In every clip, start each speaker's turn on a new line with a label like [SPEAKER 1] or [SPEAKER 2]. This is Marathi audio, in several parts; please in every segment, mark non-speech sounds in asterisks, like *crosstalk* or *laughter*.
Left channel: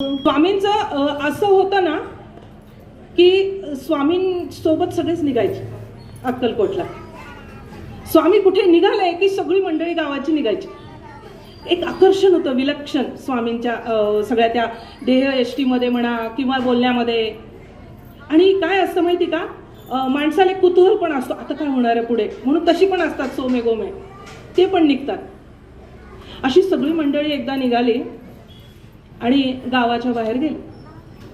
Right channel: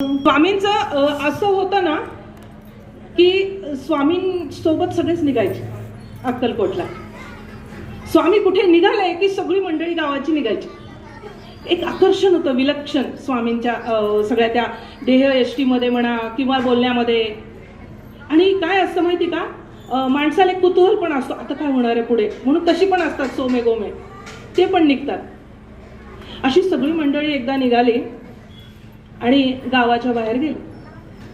[SPEAKER 1] स्वामींचं असं होतं ना की स्वामींसोबत सगळेच निघायचे अक्कलकोटला. स्वामी कुठे निघाले की सगळी मंडळी गावाची निघायची? एक आकर्षण होतं विलक्षण स्वामींच्या सगळ्या त्या देह एष्टीमध्ये म्हणा किंवा बोलण्यामध्ये. आणि काय असतं माहिती का? माणसाला एक कुतूहल पण असतो आता काय होणार आहे पुढे? म्हणून तशी पण असतात सोमे गोमे. ते पण निघतात. अशी सगळी मंडळी एकदा निघाली आणि गावाच्या बाहेर गेले.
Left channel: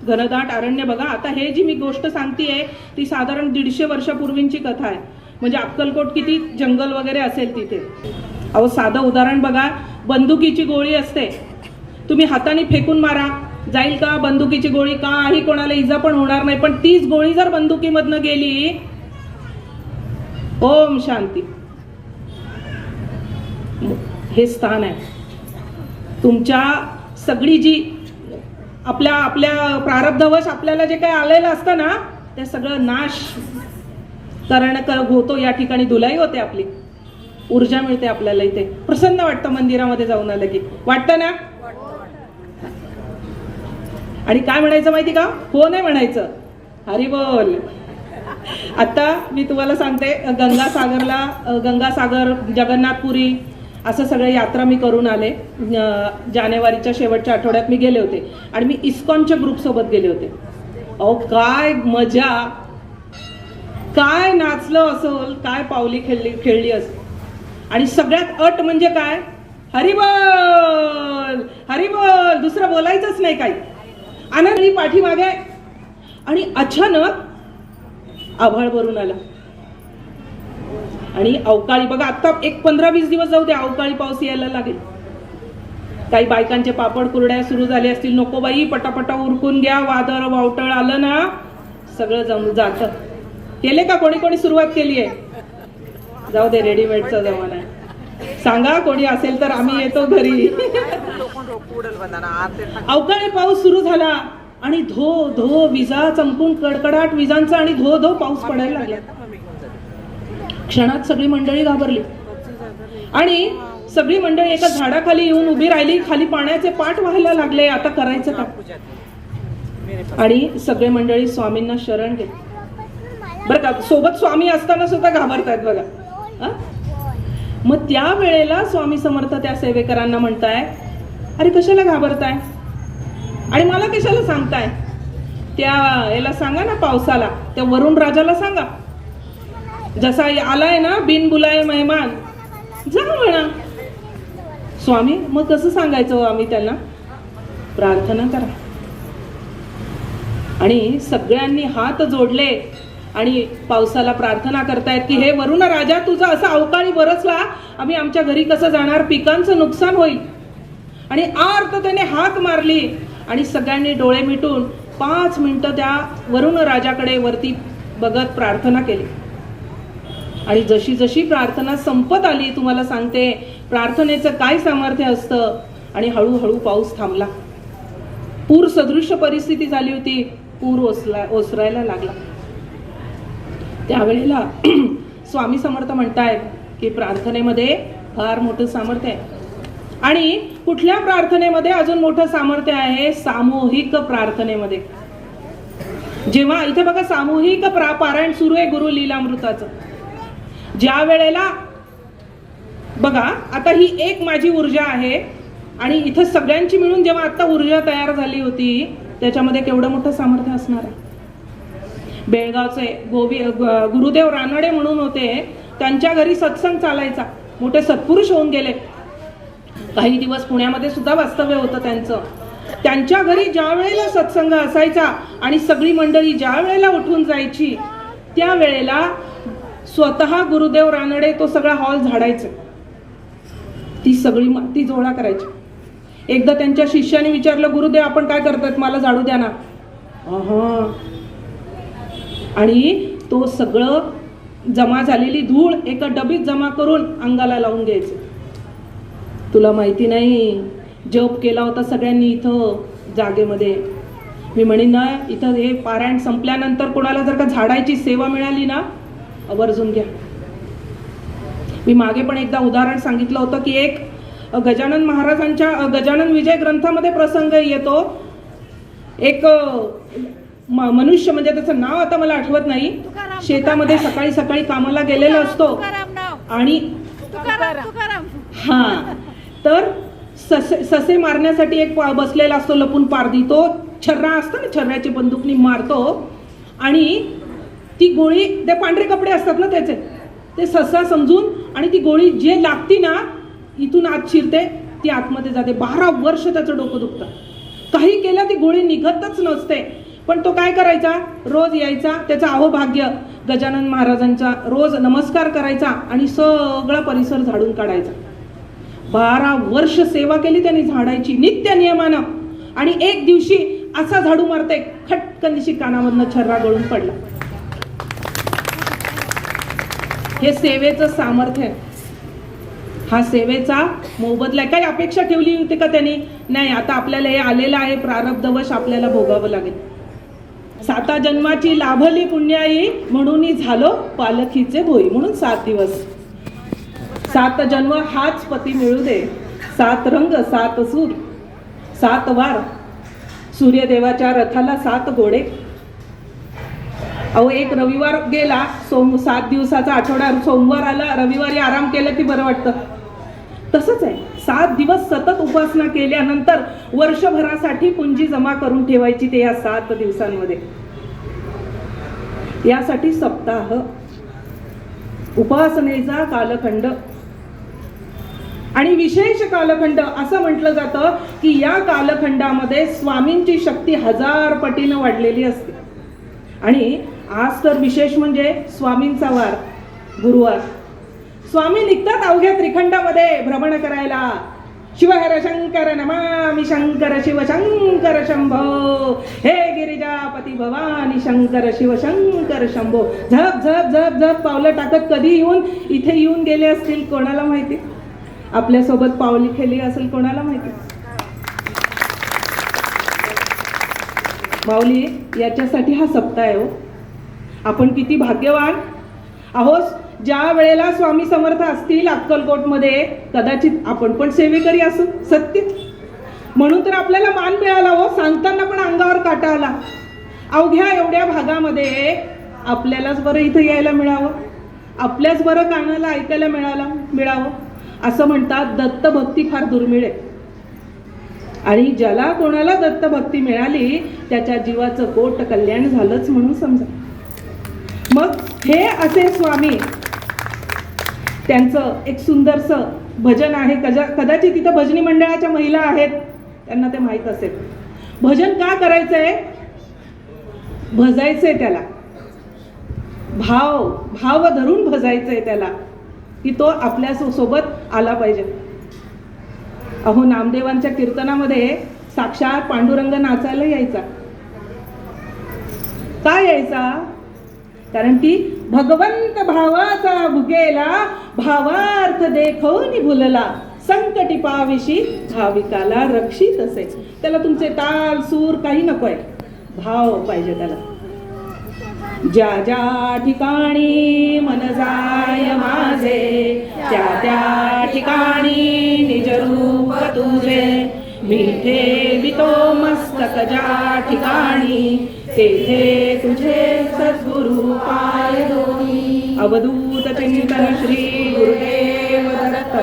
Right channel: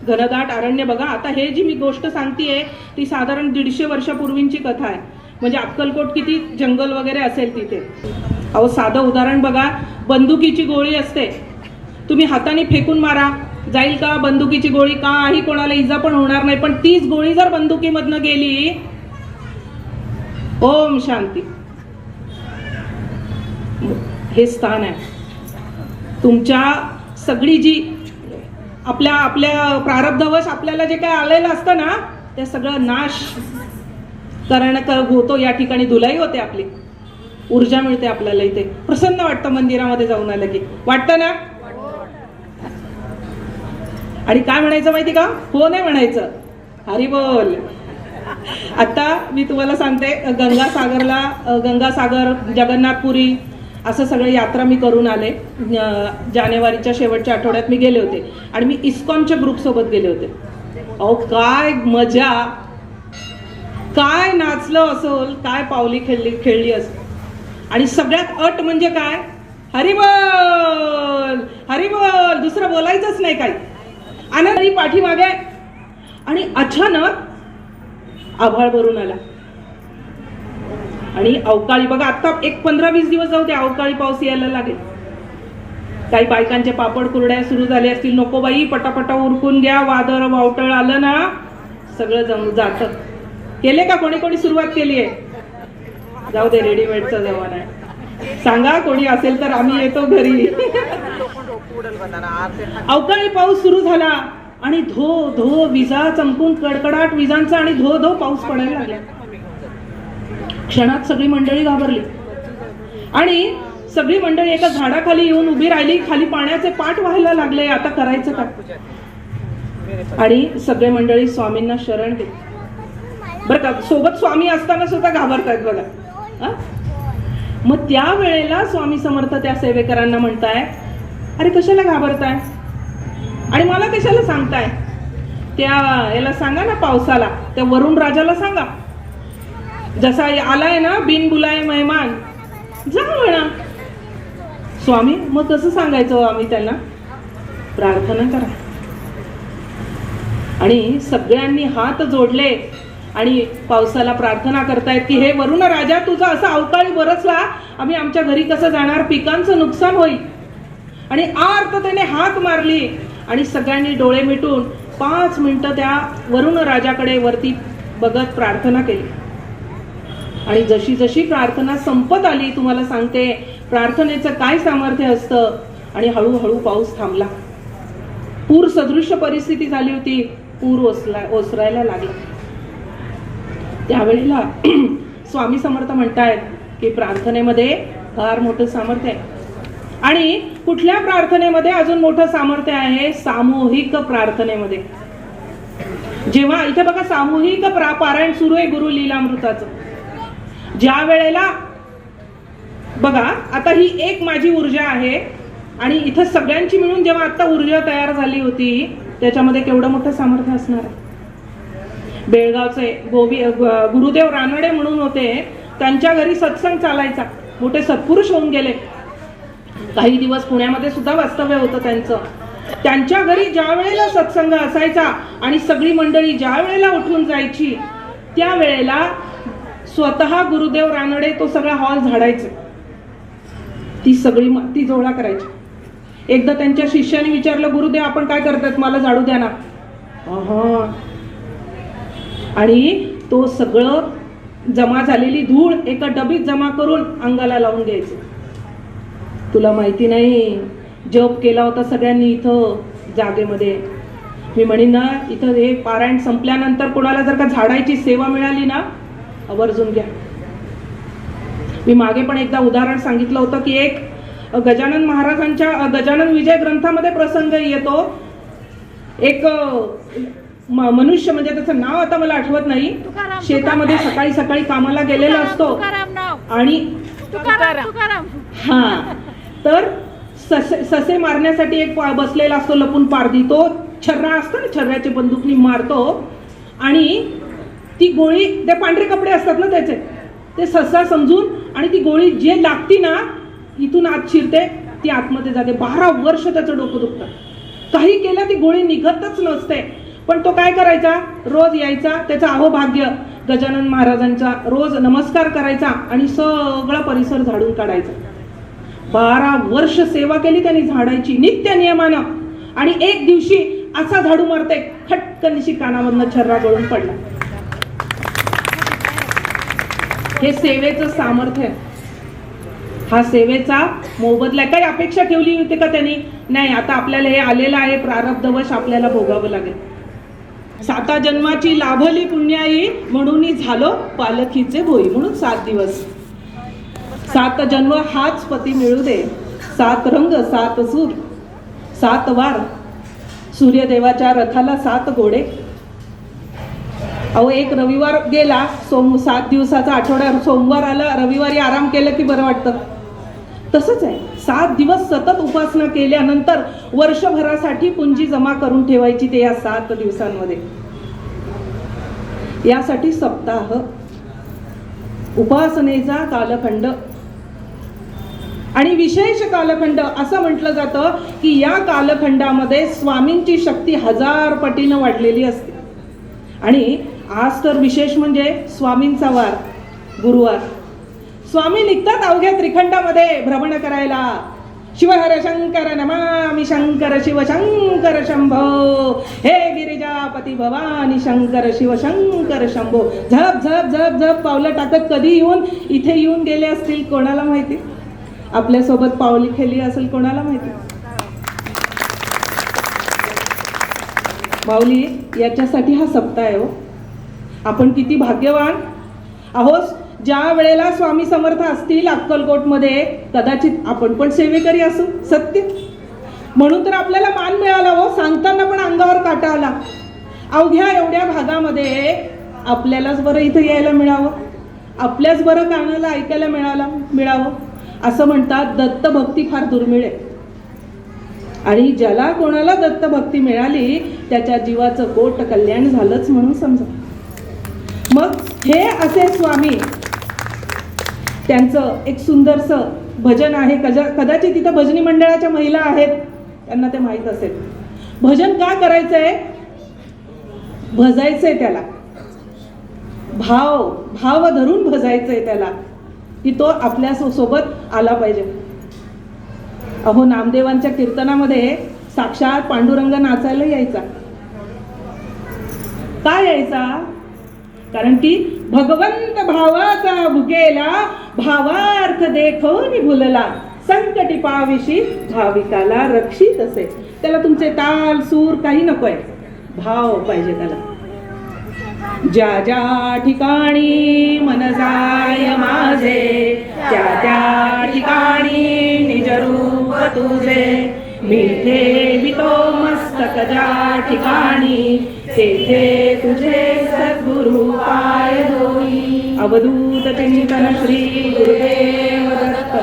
[SPEAKER 1] घनदाट अरण्य बघा. आता हे जी मी गोष्ट सांगतेय ती साधारण दीडशे वर्षापूर्वींची कथा आहे. म्हणजे अक्कलकोट किती जंगल वगैरे असेल तिथे. अहो साधं उदाहरण बघा. बंदुकीची गोळी असते. तुम्ही हाताने फेकून मारा. जाईल का बंदुकीची गोळी? काही कोणाला इजा पण होणार नाही. पण तीच गोळी जर बंदुकीमधनं गेली ओम शांती. हे स्थान आहे. तुमच्या सगळी जी आपल्या आपल्या प्रारब्धवश आपल्याला जे काय आलेलं असतं ना ते सगळं नाश करण होतो या ठिकाणी धुलाई होते आपली. ऊर्जा मिळते आपल्याला इथे. प्रसन्न वाटतं मंदिरामध्ये जाऊन आलं की. वाटतं ना? आणि काय म्हणायचं माहिती का? हो नाही म्हणायचं. हरी बोल. आता मी तुम्हाला सांगते गंगासागरला गंगासागर जगन्नाथपुरी असं सगळं यात्रा मी करून आले. जानेवारीच्या शेवटच्या आठवड्यात मी गेले होते. आणि मी इस्कॉनच्या ग्रुपसोबत गेले होते. अहो काय मजा. काय नाचलं असं काय पावली खेळली खेळली असेल आणि सगळ्यात अट म्हणजे काय? हरी हरिबल! हरी दुसरं बोलायचंच नाही काही. आनंदी पाठीमागे. आणि अचानक आभाळ भरून आला. आणि अवकाळी बघा आता एक पंधरा वीस दिवस जाऊ दे अवकाळी पाऊस यायला लागेल. काही बायकांचे पापड कुरड्या सुरू झाले असतील नको बाई पटापटा उरकून घ्या वादळ वावटळ आलं ना सगळं जम जात. केले का कोणी कोणी सुरुवात केली आहे? जाऊ दे रेडीमेडचा जमाना आहे. सांगा कोणी असेल तर आम्ही येतो घरी. अवकाळी पाऊस सुरू झाला आणि धो धो विजा चमकून कडकडाट विजांचा आणि धो धो पाऊस पडायला लागला. क्षणात सगळी मंडळी घाबरली. आणि सगळी मंडळी एका झाडाखाली येऊन उभी राहिली खाली पाण्याचे पाठ व्हायला लागले आता करायचं का आणि सगळे मंडळी स्वामींना शरण घेत. बरं का सोबत स्वामी असताना सुद्धा घाबरतायत बघा. मग त्या वेळेला स्वामी समर्थ त्या सेवेकरांना म्हणताय अरे कशाला घाबरताय? आणि मला कशाला सांगताय? त्या याला सांगा ना पावसाला त्या वरुण राजाला सांगा. जसा आलाय ना बिन बुलाय मेहमान. जा म्हणा. स्वामी मग कसं सांगायचं हो आम्ही त्यांना? प्रार्थना करा. आणि सगळ्यांनी हात जोडले आणि पावसाला प्रार्थना करतायत की हे वरुण राजा तुझा असा अवकाळी बरसला आम्ही आमच्या घरी कसं जाणार? पिकांचं नुकसान होईल. आणि आर्त त्याने हात मारली आणि सगळ्यांनी डोळे मिटून पाच मिनटं त्या वरुण राजाकडे वरती बघत प्रार्थना केली. आणि जशी जशी प्रार्थना संपत आली तुम्हाला सांगते प्रार्थनेचं काय सामर्थ्य असतं? आणि हळूहळू पाऊस थांबला. पूर सदृश परिस्थिती झाली होती. पूर ओसला ओसरायला लागला. त्यावेळेला *clears throat* स्वामी समर्थ म्हणतायत की प्रार्थनेमध्ये फार मोठं सामर्थ्य आहे. आणि कुठल्या प्रार्थनेमध्ये अजून मोठं सामर्थ्य आहे? सामूहिक प्रार्थनेमध्ये. जेव्हा इथे बघा सामूहिक प्रा- पारायण सुरू आहे गुरु लीलामृताचं ज्या वेळेला बघा आता ही एक माझी ऊर्जा आहे आणि इथं सगळ्यांची मिळून जेव्हा आता ऊर्जा तयार झाली होती त्याच्यामध्ये केवढं मोठं सामर्थ्य असणार आहे? बेळगावचे गोवी गुरुदेव रानडे म्हणून होते त्यांच्या घरी सत्संग चालायचा. मोठे सत्पुरुष होऊन गेले. काही दिवस पुण्यामध्ये सुद्धा वास्तव्य होतं त्यांचं. त्यांच्या घरी ज्या वेळेला सत्संग असायचा आणि सगळी मंडळी ज्या वेळेला उठून जायची त्या वेळेला स्वतः गुरुदेव रानडे तो सगळा हॉल झाडायचा. ती सगळी ती जोडा करायची. एकदा त्यांच्या शिष्याने विचारलं गुरुदेव आपण काय करतात? मला झाडू द्या ना. आणि तो सगळं जमा झालेली धूळ एका डबीत जमा करून अंगाला लावून घ्यायचं. तुला माहिती नाही जप केला होता सगळ्यांनी इथं जागेमध्ये. मी म्हणीन ना इथं हे पारायण संपल्यानंतर कोणाला जर का झाडायची सेवा मिळाली ना आवर्जून घ्या. मी मागे पण एकदा उदाहरण सांगितलं होतं की एक गजानन महाराजांच्या गजानन विजय ग्रंथामध्ये प्रसंग येतो. एक मनुष्य म्हणजे त्याचं नाव आता मला आठवत नाही. शेतामध्ये. सकाळी सकाळी कामाला गेलेला असतो. आणि हा. तर ससे ससे मारण्यासाठी एक बसलेला असतो लपून पारदी तो छर्रा असतो ना छर्राची बंदुकनी मारतो. आणि ती गोळी ते पांढरे कपडे असतात ना त्याचे ते ससा समजून आणि ती गोळी जे लागती ना इथून आत शिरते ती आतमध्ये जाते. बारा वर्ष त्याचं डोकं दुखतं. काही केलं ती गोळी निघतच नसते. पण तो काय करायचा? रोज यायचा त्याचं अहोभाग्य गजानन महाराजांचा रोज नमस्कार करायचा आणि सगळा परिसर झाडून काढायचा. बारा वर्ष सेवा केली त्यांनी झाडायची नित्य नियमानं. आणि एक दिवशी असा झाडू मारते खटकनशी कानामधनं छर्रा गळून पडला. हे सेवेचं सामर्थ्य आहे. हा सेवेचा मोबदला काही अपेक्षा ठेवली होती का त्यांनी? नाही आता आपल्याला हे आलेलं आहे. प्रारब्धवश आपल्याला भोगावं लागेल. साता जन्माची लाभली पुण्याई म्हणून झालो पालखीचे भोई. म्हणून सात दिवस. सात जन्म हाच पती मिळू दे. सात रंग सात सूर सात वार. सूर्यदेवाच्या रथाला सात घोडे. अहो एक रविवार गेला सोम सात दिवसाचा आठवडा सोमवार आला रविवारी आराम केलं की बरं वाटतं? तसंच आहे. सात दिवस सतत उपासना केल्यानंतर वर्षभरासाठी पुंजी जमा करून ठेवायची ते या सात दिवसांमध्ये. यासाठी सप्ताह उपासनेचा कालखंड आणि विशेष कालखंड असं म्हटलं जातं की या कालखंडामध्ये स्वामींची शक्ती हजार पटीनं वाढलेली असते. आणि आज तर विशेष म्हणजे स्वामींचा वार गुरुवार. स्वामी निघतात अवघ्या त्रिखंडामध्ये भ्रमण करायला. शिवहर शंकर नमामि शंकर शिव शंकर शंभो. हे गिरिजापती भवानी शंकर शिव शंकर शंभो. झप झप झप झप पावलं टाकत कधी येऊन इथे येऊन गेले असतील कोणाला माहिती? आपल्यासोबत पावली खेळली असेल कोणाला माहिती? माऊली याच्यासाठी हा सप्ताह आहे हो. आपण किती भाग्यवान? अहो ज्या वेळेला स्वामी समर्थ असतील अक्कलकोटमध्ये कदाचित आपण पण सेवेकरी असू सत्य? म्हणून तर आपल्याला मान मिळाला हो सांगताना पण अंगावर काटा आला. अवघ्या एवढ्या भागामध्ये आपल्यालाच बरं इथं यायला मिळावं. आपल्याच बरं कानाला ऐकायला मिळाला मिळावं. असं म्हणतात दत्तभक्ती फार दुर्मिळ आहे. आणि ज्याला कोणाला दत्तभक्ती मिळाली त्याच्या जीवाचं कोट कल्याण झालंच म्हणून समजा. मग हे असे स्वामी त्यांचं एक सुंदरसं भजन आहे. कजा कदाचित तिथं भजनी मंडळाच्या महिला आहेत त्यांना ते माहीत असेल. भजन का करायचंय? भजायचंय त्याला. भाव भाव धरून भजायचंय त्याला की तो आपल्या सो- सोबत आला पाहिजे. अहो नामदेवांच्या कीर्तनामध्ये साक्षात पांडुरंग नाचायला यायचा. का यायचा? कारण ती भगवंत भावाचा भुकेला भावार्थ देखवून भुलला संकटी पाविशी भाविकाला रक्षित असे. त्याला तुमचे ताल सूर काही नकोय. भाव पाहिजे त्याला. ज्या ज्या ठिकाणी मन जाय माझे त्या त्या ठिकाणी निज रूप तुझे. मिठे बितो मस्तक ज्या ठिकाणी तेथे तुझे सद्गुरु पाय धोई अवधूत चिंतन श्री गुरुदेव दत्त.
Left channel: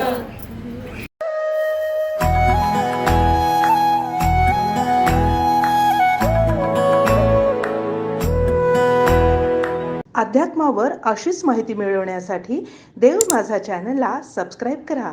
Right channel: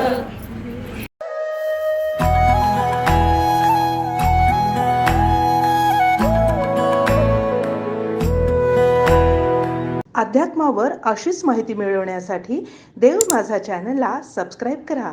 [SPEAKER 2] अध्यात्मावर अशीच माहिती मिळवण्यासाठी देव माझा चॅनलला सबस्क्राईब करा.